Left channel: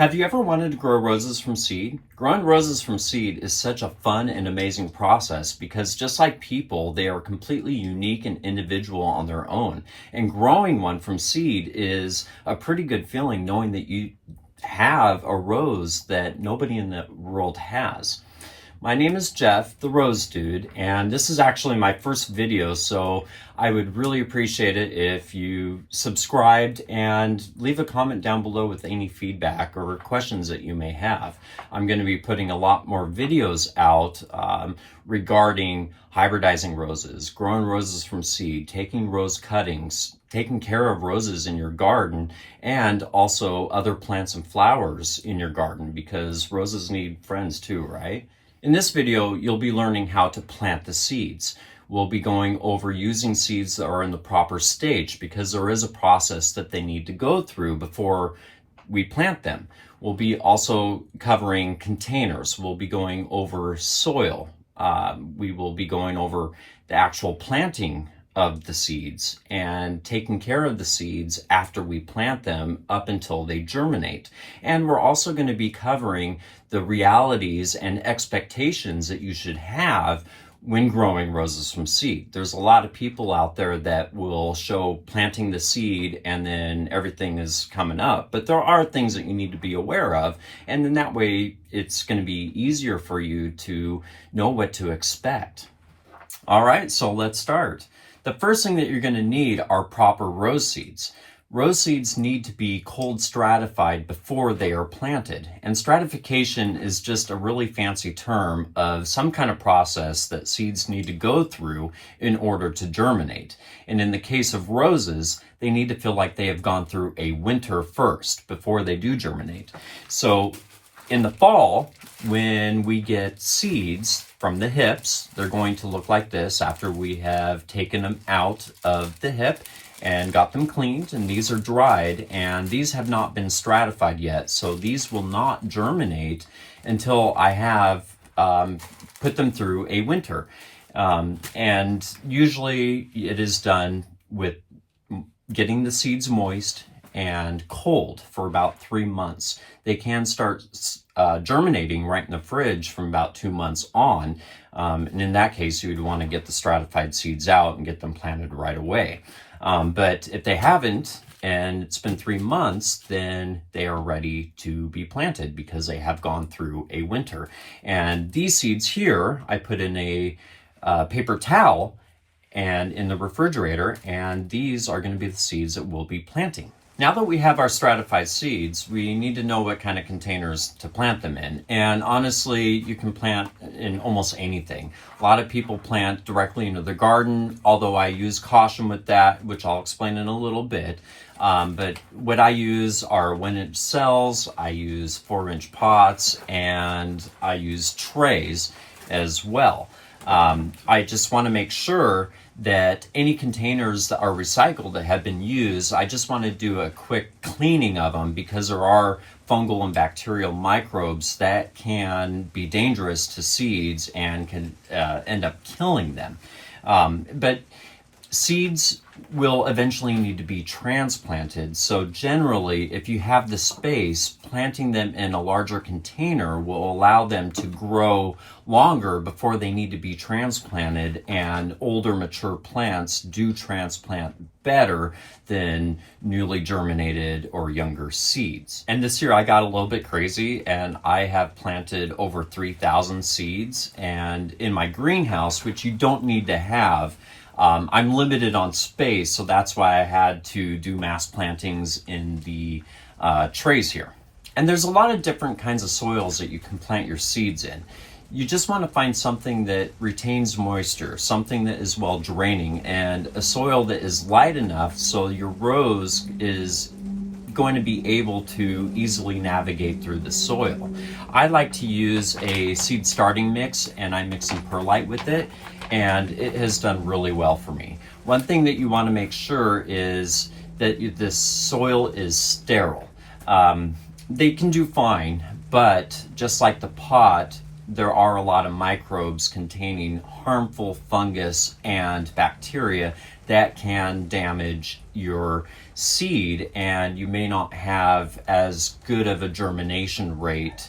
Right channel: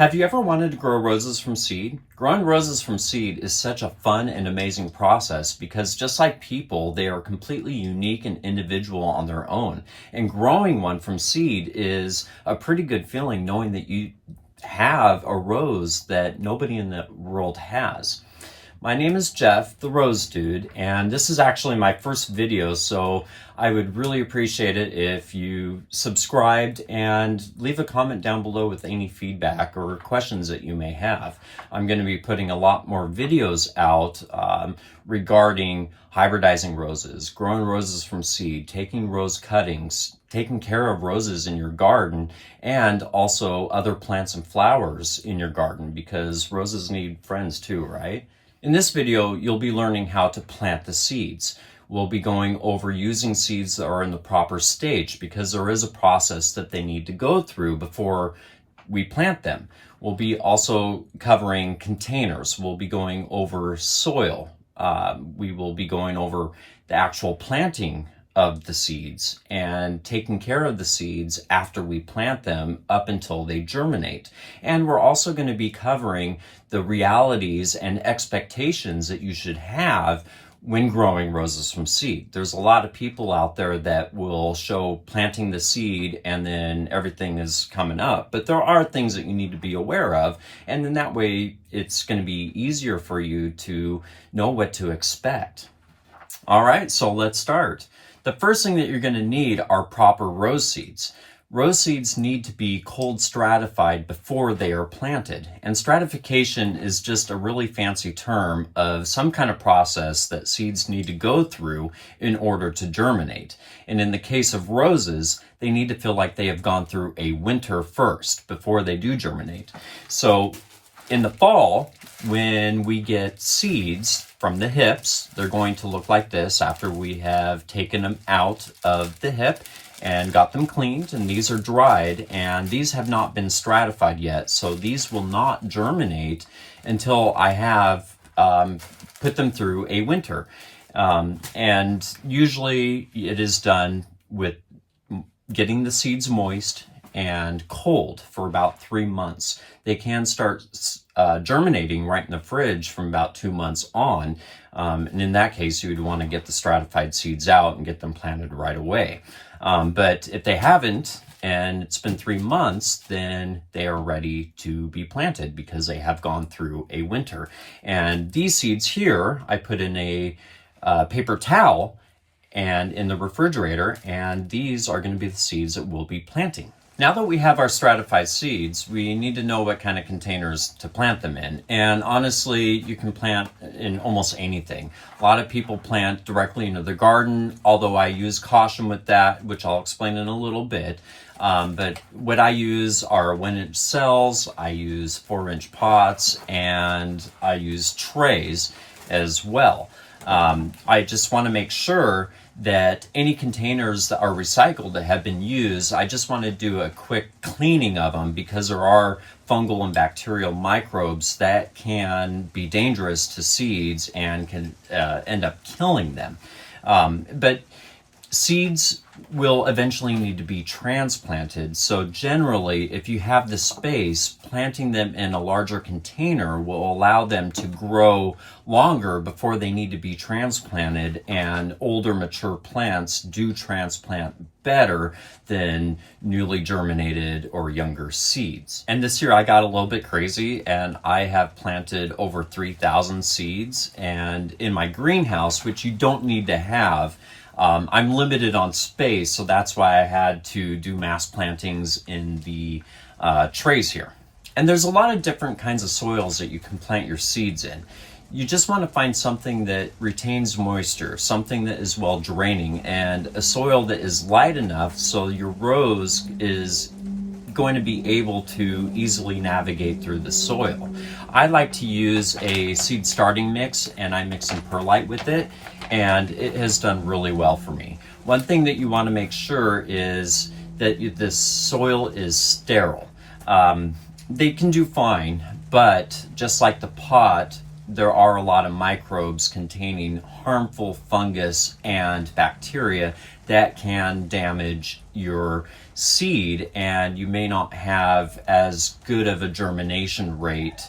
Have you ever wanted to grow roses from seed? Growing roses from seed is such a fun and amazing process because just like people, they are completely unique and individual on their own. And growing one from seed is a pretty good feeling knowing that you have a rose that nobody in the world has. My name is Jeff, the Rose Dude, and this is actually my first video, so I would really appreciate it if you subscribed and leave a comment down below with any feedback or questions that you may have. I'm going to be putting a lot more videos out regarding hybridizing roses, growing roses from seed, taking rose cuttings, taking care of roses in your garden, and also other plants and flowers in your garden because roses need friends too, right? In this video, you'll be learning how to plant the seeds. We'll be going over using seeds that are in the proper stage because there is a process that they need to go through before we plant them. We'll be also covering containers. We'll be going over soil. We will be going over the actual planting of the seeds and taking care of the seeds after we plant them up until they germinate. And we're also going to be covering the realities and expectations that you should have when growing roses from seed. There's a lot of people out there that will show planting the seed and then everything is coming up, but there are things that you need to be aware of, and then that way it's going to be easier for you to know what to expect. All right, so let's start. The first thing that you're going to need are proper rose seeds. Rose seeds need to be cold stratified before they are planted. And stratification is just a really fancy term of some kind of process that seeds need to go through in order to germinate. And in the case of roses, they need to feel like they have gone through a winter first before they do germinate. So in the fall, when we get seeds from the hips, they're going to look like this after we have taken them out of the hip and got them cleaned, and these are dried, and these have not been stratified yet, so these will not germinate until I have put them through a winter. And usually it is done with getting the seeds moist and cold for about 3 months. They can start germinating right in the fridge from about 2 months on. And in that case, you would want to get the stratified seeds out and get them planted right away. But if they haven't, and it's been 3 months, then they are ready to be planted because they have gone through a winter. And these seeds here, I put in a paper towel and in the refrigerator, and these are going to be the seeds that we'll be planting. Now that we have our stratified seeds, we need to know what kind of containers to plant them in. And honestly, you can plant in almost anything. A lot of people plant directly into the garden, although I use caution with that, which I'll explain in a little bit. But what I use are 1-inch cells, I use 4-inch pots, and I use trays as well. I just want to make sure that any containers that are recycled that have been used, I just want to do a quick cleaning of them because there are fungal and bacterial microbes that can be dangerous to seeds and can end up killing them. But seeds will eventually need to be transplanted. So generally, if you have the space, planting them in a larger container will allow them to grow longer before they need to be transplanted, and older mature plants do transplant better than newly germinated or younger seeds. And this year I got a little bit crazy and I have planted over 3,000 seeds, and in my greenhouse, which you don't need to have, I'm limited on space, so that's why I had to do mass plantings in the trays here. And there's a lot of different kinds of soils that you can plant your seeds in. You just want to find something that retains moisture, something that is well draining, and a soil that is light enough so your rose is going to be able to easily navigate through the soil. I like to use a seed starting mix, and I mix some perlite with it, and it has done really well for me. One thing that you want to make sure is that this soil is sterile. They can do fine, but just like the pot, there are a lot of microbes containing harmful fungus and bacteria that can damage your seed, and you may not have as good of a germination rate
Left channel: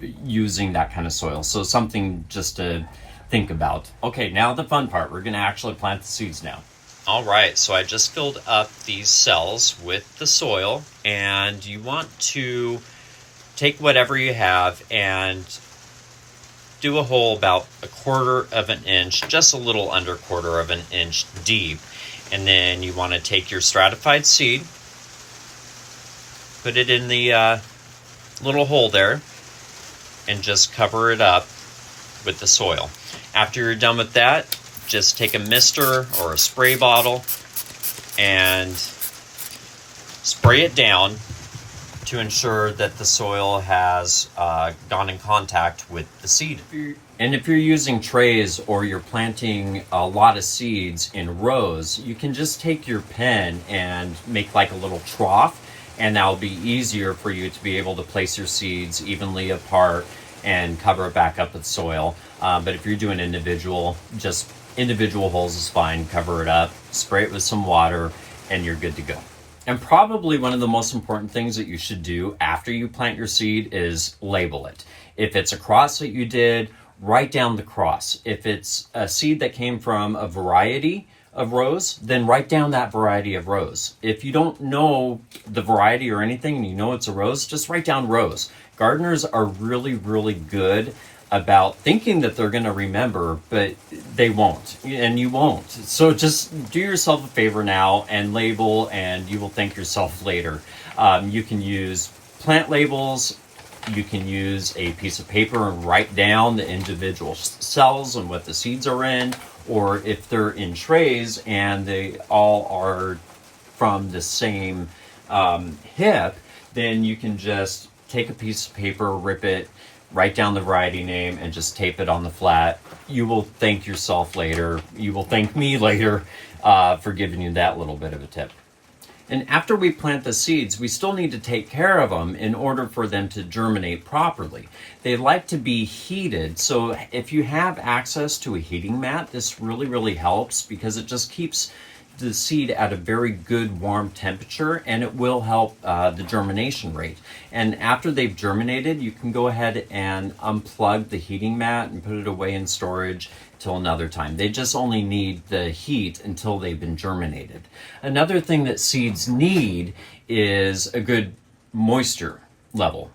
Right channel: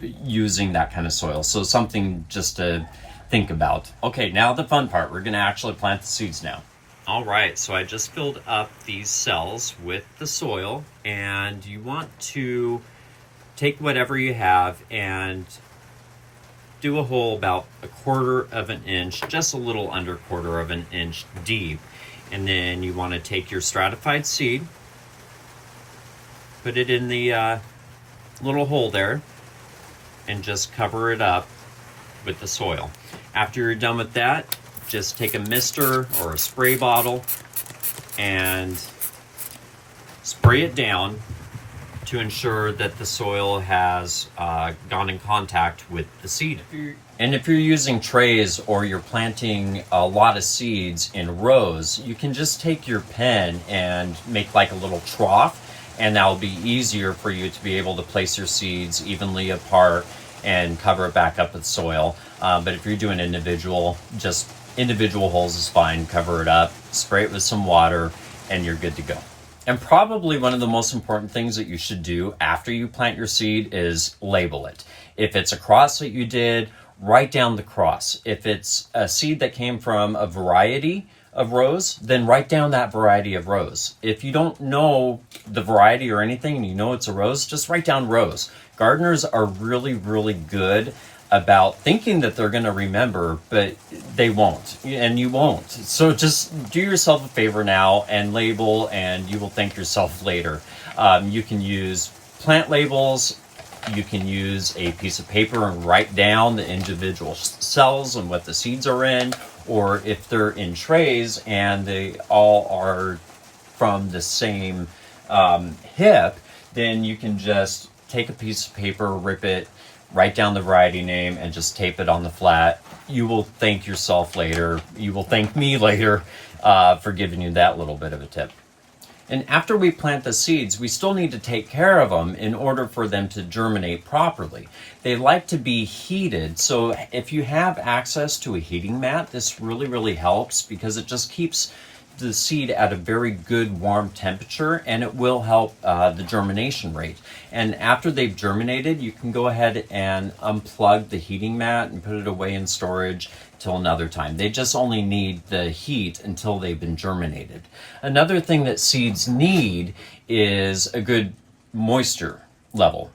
using that kind of soil. So something just to think about. Okay, now the fun part. We're going to actually plant the seeds now. All right, so I just filled up these cells with the soil, and you want to take whatever you have and do a hole about 1/4 of an inch, just a little under 1/4 of an inch deep. And then you want to take your stratified seed, put it in the little hole there, and just cover it up with the soil. After you're done with that, just take a mister or a spray bottle and spray it down to ensure that the soil has gone in contact with the seed. And if you're using trays or you're planting a lot of seeds in rows, you can just take your pen and make like a little trough, and that'll be easier for you to be able to place your seeds evenly apart and cover it back up with soil. But if you're doing individual, just individual holes is fine. Cover it up, spray it with some water, and you're good to go. And probably one of the most important things that you should do after you plant your seed is label it. If it's a cross that you did, write down the cross. If it's a seed that came from a variety of rows, then write down that variety of rows. If you don't know the variety or anything and you know it's a rose, just write down rows. Gardeners are really, really good about thinking that they're going to remember, but they won't, and you won't. So just do yourself a favor now and label, and you will thank yourself later. You can use plant labels. You can use a piece of paper and write down the individual cells and what the seeds are in, or if they're in trays and they all are from the same hip, then you can just take a piece of paper, rip it, write down the variety name, and just tape it on the flat. You will thank yourself later. You will thank me later for giving you that little bit of a tip. And after we plant the seeds, we still need to take care of them in order for them to germinate properly. They like to be heated, so if you have access to a heating mat, this really, really helps because it just keeps the seed at a very good warm temperature, and it will help the germination rate. And after they've germinated, you can go ahead and unplug the heating mat and put it away in storage till another time. They just only need the heat until they've been germinated. Another thing that seeds need is a good moisture level.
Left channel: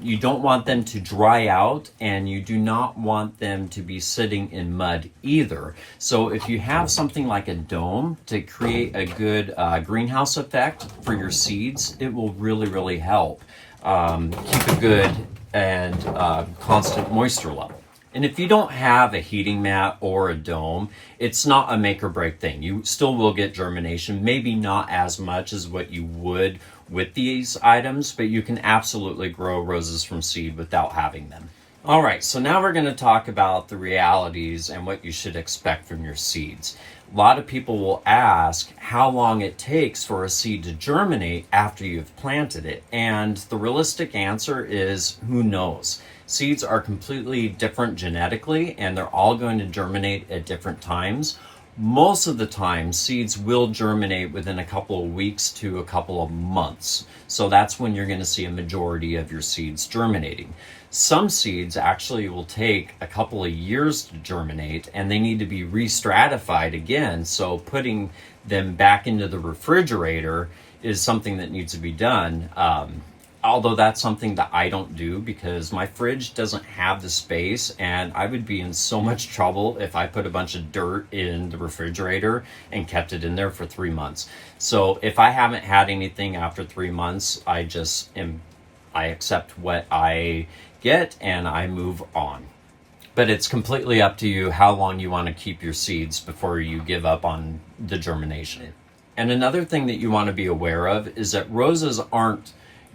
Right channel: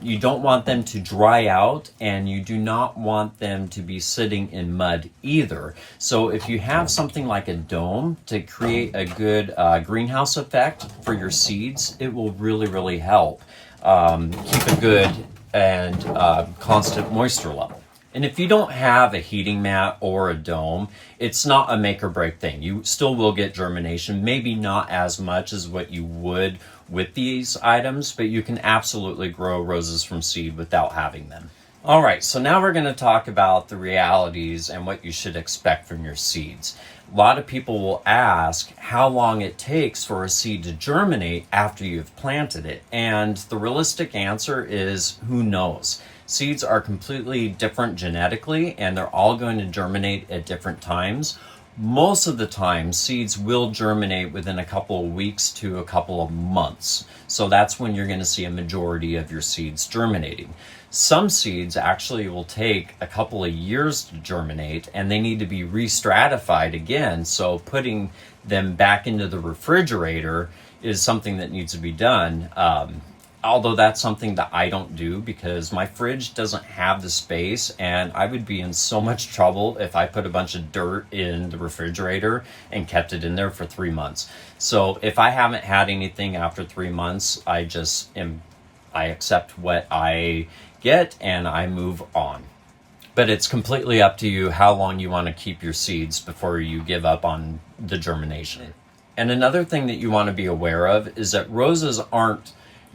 You don't want them to dry out, and you do not want them to be sitting in mud either. So if you have something like a dome to create a good greenhouse effect for your seeds, it will really, really help keep a good and constant moisture level. And if you don't have a heating mat or a dome, it's not a make or break thing. You still will get germination, maybe not as much as what you would with these items, but you can absolutely grow roses from seed without having them. All right, so now we're going to talk about the realities and what you should expect from your seeds. A lot of people will ask how long it takes for a seed to germinate after you've planted it. And the realistic answer is who knows? Seeds are completely different genetically, and they're all going to germinate at different times. Most of the time, seeds will germinate within a couple of weeks to a couple of months. So that's when you're going to see a majority of your seeds germinating. Some seeds actually will take a couple of years to germinate, and they need to be re-stratified again. So putting them back into the refrigerator is something that needs to be done. Although that's something that I don't do because my fridge doesn't have the space, and I would be in so much trouble if I put a bunch of dirt in the refrigerator and kept it in there for 3 months. So if I haven't had anything after 3 months, I accept what I get and I move on. But it's completely up to you how long you want to keep your seeds before you give up on the germination. And another thing that you want to be aware of is that roses aren't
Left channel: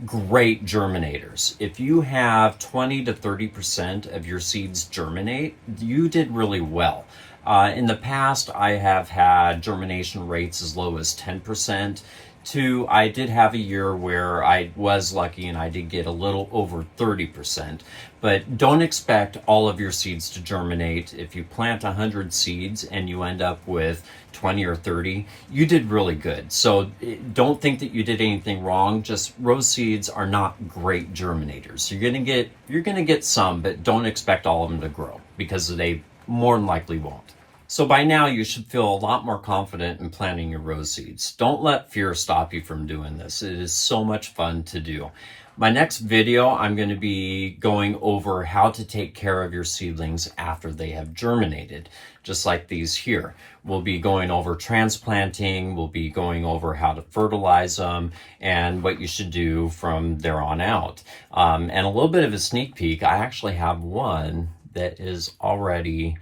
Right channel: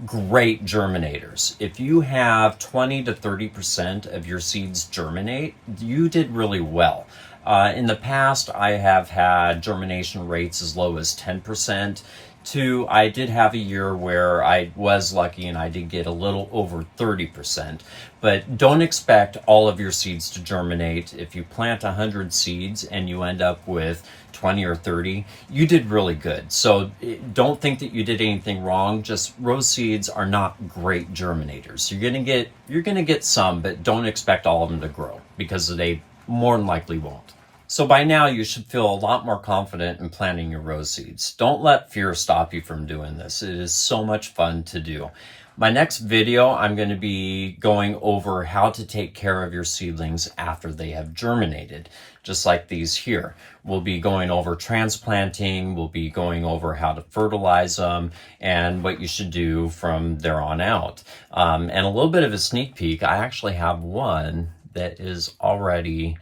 great germinators. If you have 20 to 30% of your seeds germinate, you did really well. In the past, I have had germination rates as low as 10%. Two, I did have a year where I was lucky and I did get a little over 30%. But don't expect all of your seeds to germinate. If you plant 100 seeds and you end up with 20 or 30, you did really good. So don't think that you did anything wrong. Just rose seeds are not great germinators. You're gonna get some, but don't expect all of them to grow because they more than likely won't. So by now you should feel a lot more confident in planting your rose seeds. Don't let fear stop you from doing this. It is so much fun to do. My next video, I'm going to be going over how to take care of your seedlings after they have germinated, just like these here. We'll be going over transplanting, we'll be going over how to fertilize them, and what you should do from there on out. And a little bit of a sneak peek, I actually have one that is already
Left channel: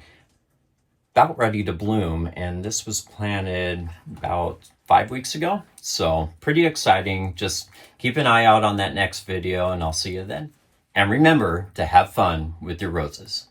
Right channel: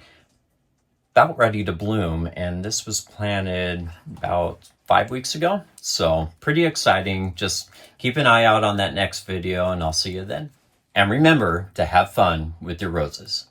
about ready to bloom, and this was planted about 5 weeks ago. So pretty exciting. Just keep an eye out on that next video and I'll see you then. And remember to have fun with your roses.